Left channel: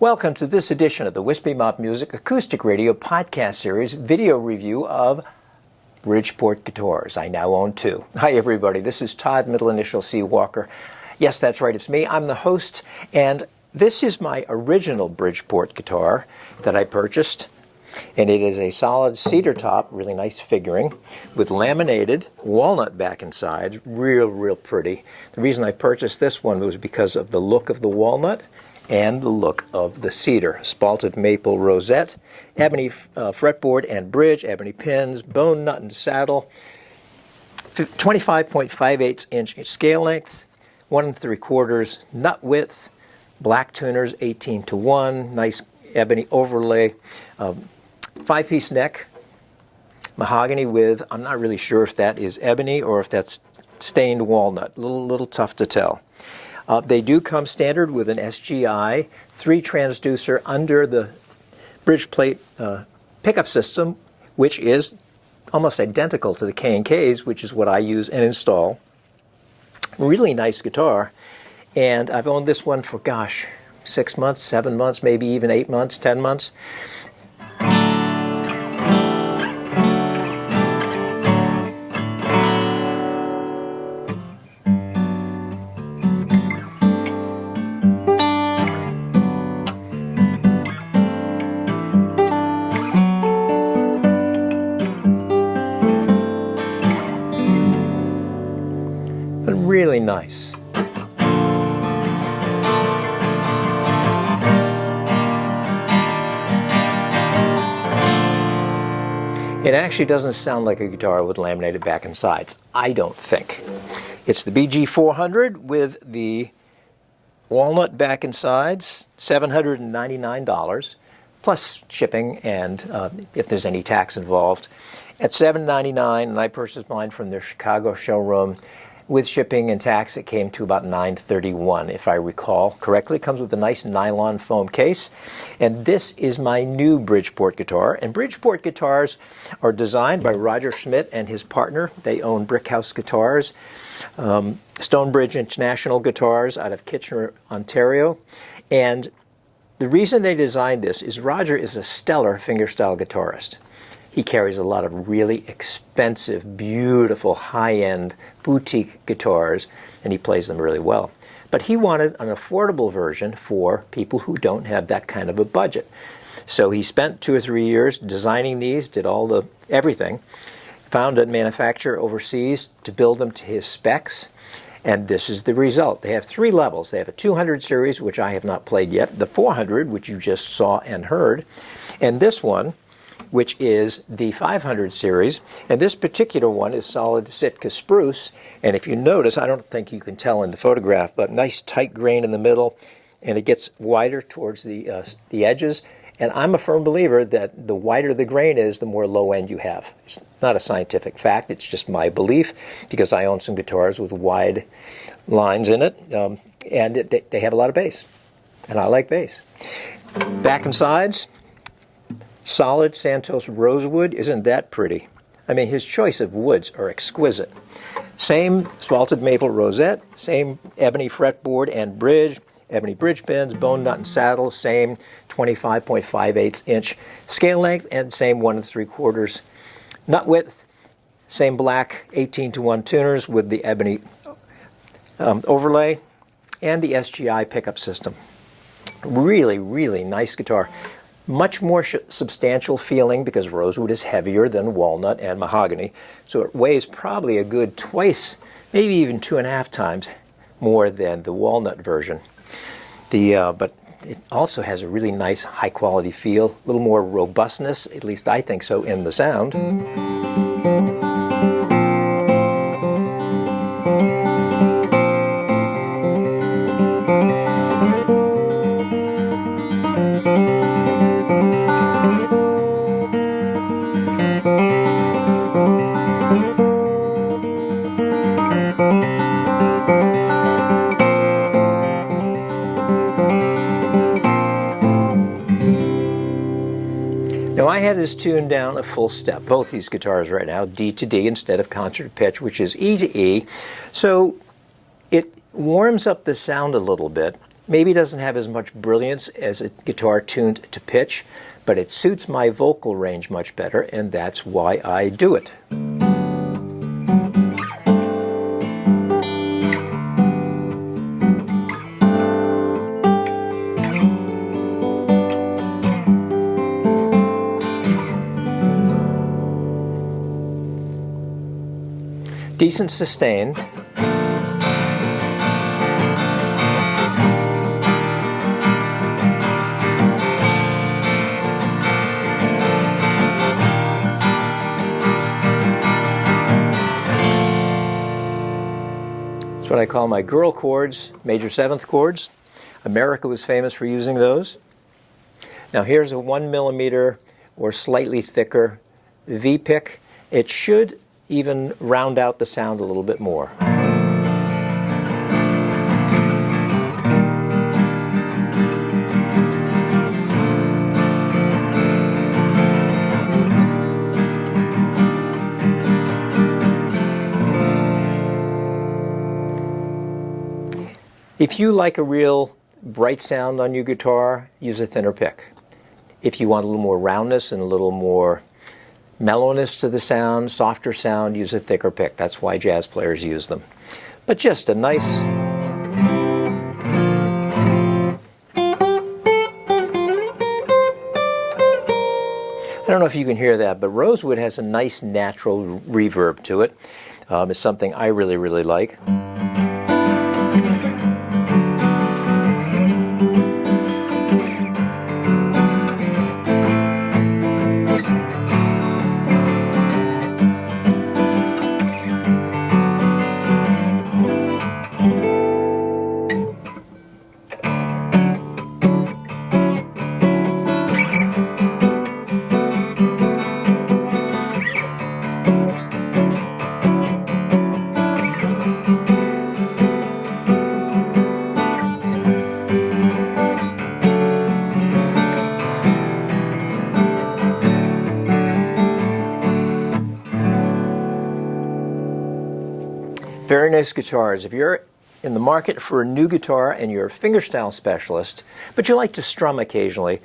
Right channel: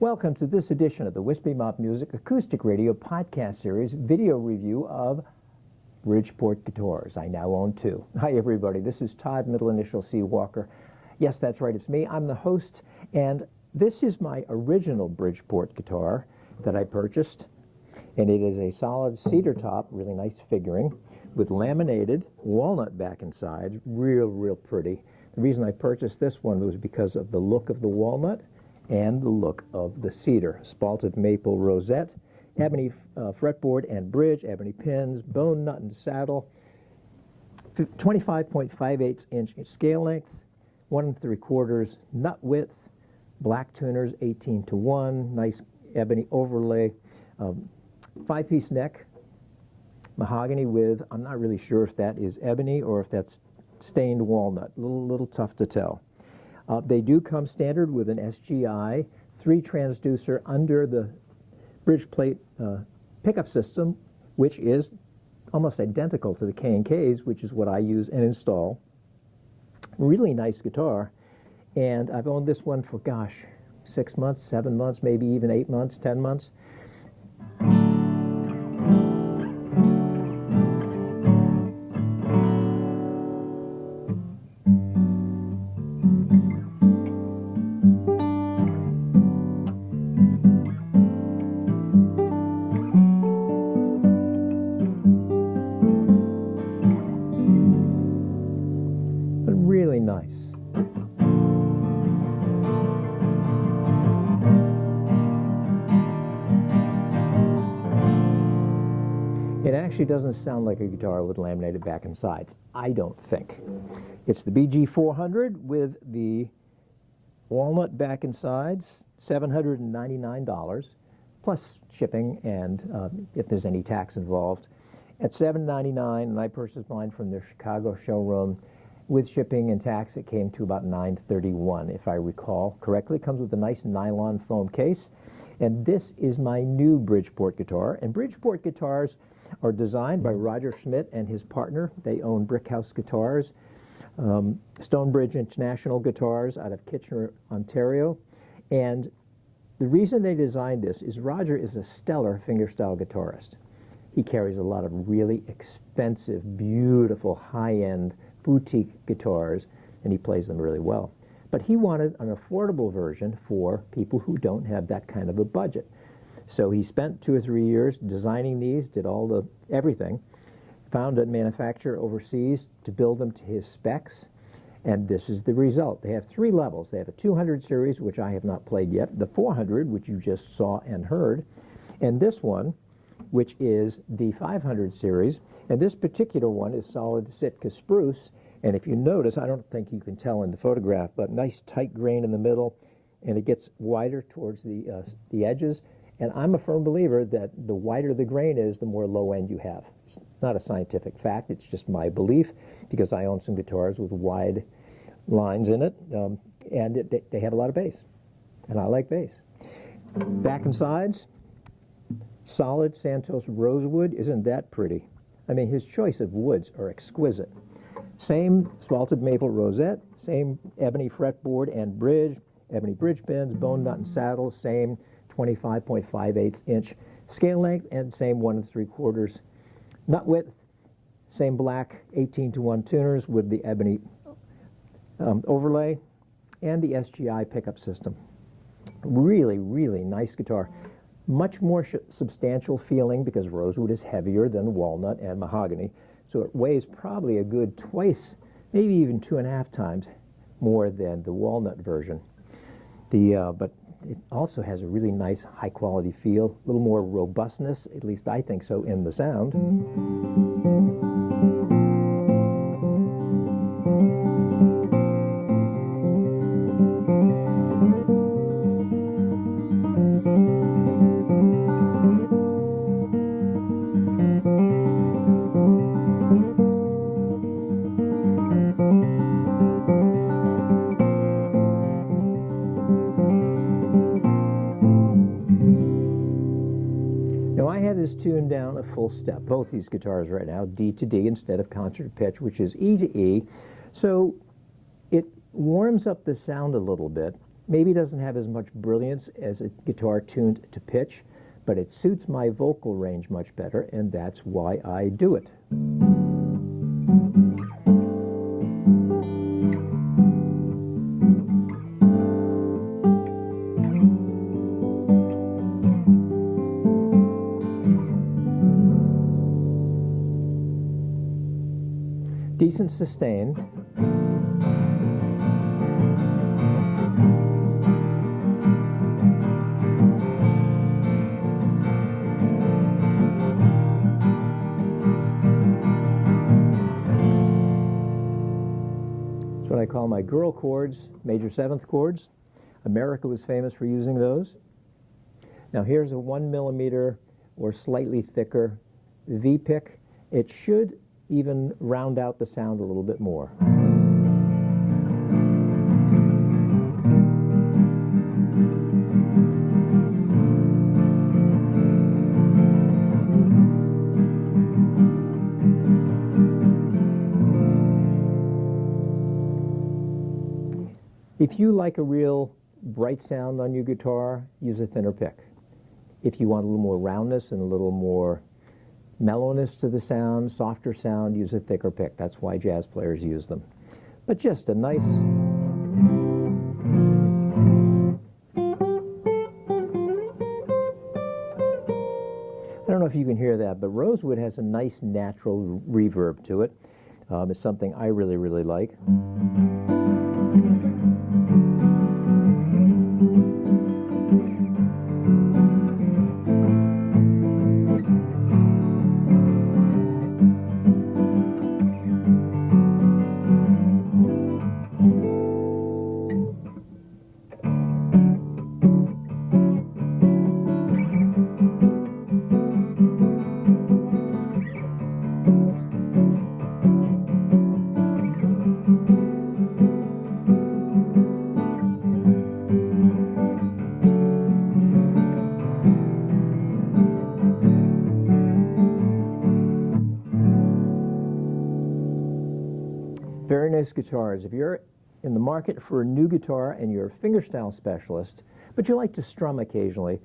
Welcome to this edition of the Wispy Mop Music Acoustic Radio Podcast Series video review of Bridgeport Guitars. I now own two. Hi everybody, this is Todd, middle initial C. Walker. Yes, that's right, it's me. I'm the host, and this is my original Bridgeport guitar that I purchased. And it is a solid cedar top, really nice figuring, with laminated walnut back and sides, real pretty. The reason I purchased this one was because of the look of the walnut and the look of the cedar. Spalted maple rosette, ebony fretboard and bridge, ebony pins, bone nut and saddle, 25.58-inch scale length, 1 3/4 nut width, black tuners 18-1, nice ebony overlay, 5-piece neck, mahogany with, I'm not really sure if that is ebony or if that's stained walnut, little tough to tell. They do come standard with an SGI 3 transducer under the bridge plate pickup system, which is almost identical to the K&Ks, which is what I use and install. Really nice guitar, and I've owned this one for, gosh, 6 months, 7 months, maybe even 8 months, 10 months. Really nice. It actually doesn't sound like a guitar with laminated back and sides, I don't think. It's the BG400 with the walnut back and sides, $799, plus shipping and if there's any tax involved. At $799, and I purchased mine from their Chicago showroom. With shipping and tax, it came to about $931, if I recall correctly. It comes with a nice nylon foam case. And this is my new Bridgeport guitar. And Bridgeport guitars are designed by Roger Schmidt and his partner. They own Brickhouse Guitars, Stonebridge International Guitars out of Kitchener, Ontario. And the reason they designed this is Roger is a stellar fingerstyle guitarist. He carries a lot of really expensive, beautiful, high-end boutique guitars, and he plays them really well. But he wanted an affordable version for people who don't have that kind of a budget. So he spent 2 or 3 years designing these, did all the everything, found a manufacturer overseas to build them to his specs, and this is the result. They have 3 levels. They have a 200 series, which I have not played yet, the 400, which you just saw and heard, and this one, which is the 500 series, and this particular one is solid Sitka spruce, and if you notice, I don't think you can tell in the photograph, but nice tight grain in the middle, and it gets wider towards the edges, and I'm a firm believer that the wider the grain is, the more low end you have. It's not a scientific fact, it's just my belief, because I own some guitars with wide lines in it, and they have a lot of bass, and I like bass. Back and sides, solid Santos rosewood. Isn't that pretty? I mean, his choice of woods are exquisite. Same spalted maple rosette, same ebony fretboard and bridge, ebony bridge pins, bone nut and saddle, same 25.58-inch scale length, and same 1 3/4 nut width, same black 18-1 tuners with the ebony overlay, and the SGI pickup system. Really nice guitar. Much more substantial feeling because rosewood is heavier than walnut and mahogany, so it weighs probably a good twice, maybe even 2.5 times more than the walnut version. But it also has a really nice high-quality feel, a little more robustness, at least I think so, in the sound. Now I have this tuned down a full step, both these guitars right now, D to D instead of concert pitch, which is E to E. So it warms up the sound a little bit, Maybe doesn't have as much brilliance as a guitar tuned to pitch, but it suits my vocal range much better, and that's why I do it. Decent sustain. It's what I call my girl chords, major seventh chords. America was famous for using those. Now here's a 1mm or slightly thicker V pick. It should even round out the sound a little bit more. If you like a real bright sound on your guitar, use a thinner pick. If you want a little more roundness and a little more mellowness to the sound, softer sound, use a thicker pick. That's why jazz players use them. But just a nice... I don't know if you can hear that, but Rosewood has a nice natural reverb to it. It's something I really, really like. Very nice guitars. If you're in the market for a new guitar and you're a fingerstyle specialist, but you like to strum occasionally,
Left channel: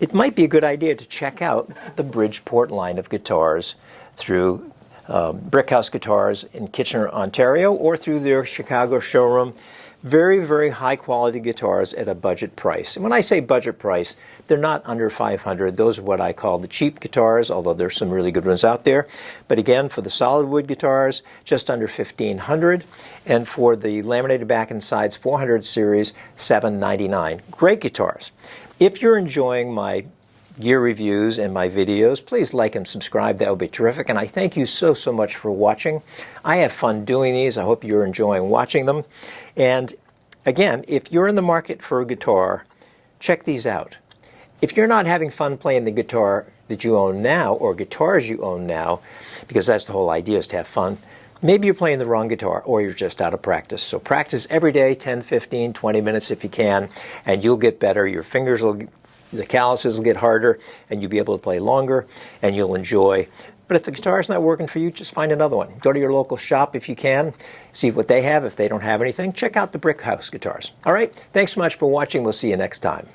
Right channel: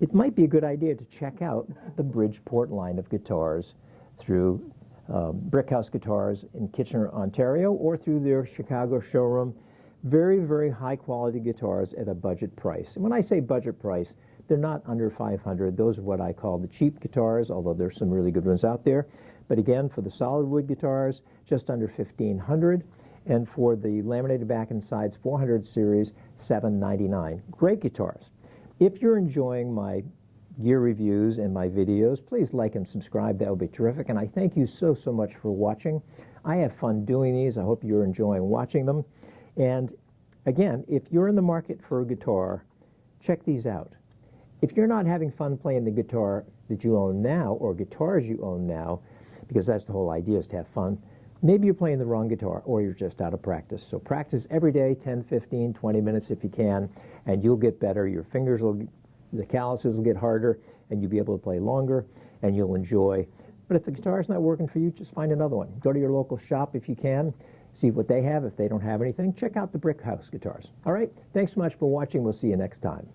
it might be a good idea to check out the Bridgeport line of guitars through Brickhouse Guitars in Kitchener, Ontario, or through their Chicago showroom. Very, very high quality guitars at a budget price. And when I say budget price, they're not under $500. Those are what I call the cheap guitars, although there's some really good ones out there. But again, for the solid wood guitars, just under $1,500. And for the laminated back and sides 400 series, $799. Great guitars. If you're enjoying my gear reviews and my videos, please like and subscribe. That would be terrific. And I thank you so, so much for watching. I have fun doing these. I hope you're enjoying watching them. And again, if you're in the market for a guitar, check these out. If you're not having fun playing the guitar that you own now, or guitars you own now, because that's the whole idea, is to have fun, maybe you're playing the wrong guitar, or you're just out of practice. So practice every day, 10, 15, 20 minutes if you can, and you'll get better. Your fingers will, the calluses will get harder, and you'll be able to play longer, and you'll enjoy. But if the guitar's not working for you, just find another one. Go to your local shop if you can, see what they have. If they don't have anything, check out the Brickhouse Guitars. All right, thanks so much for watching. We'll see you next time.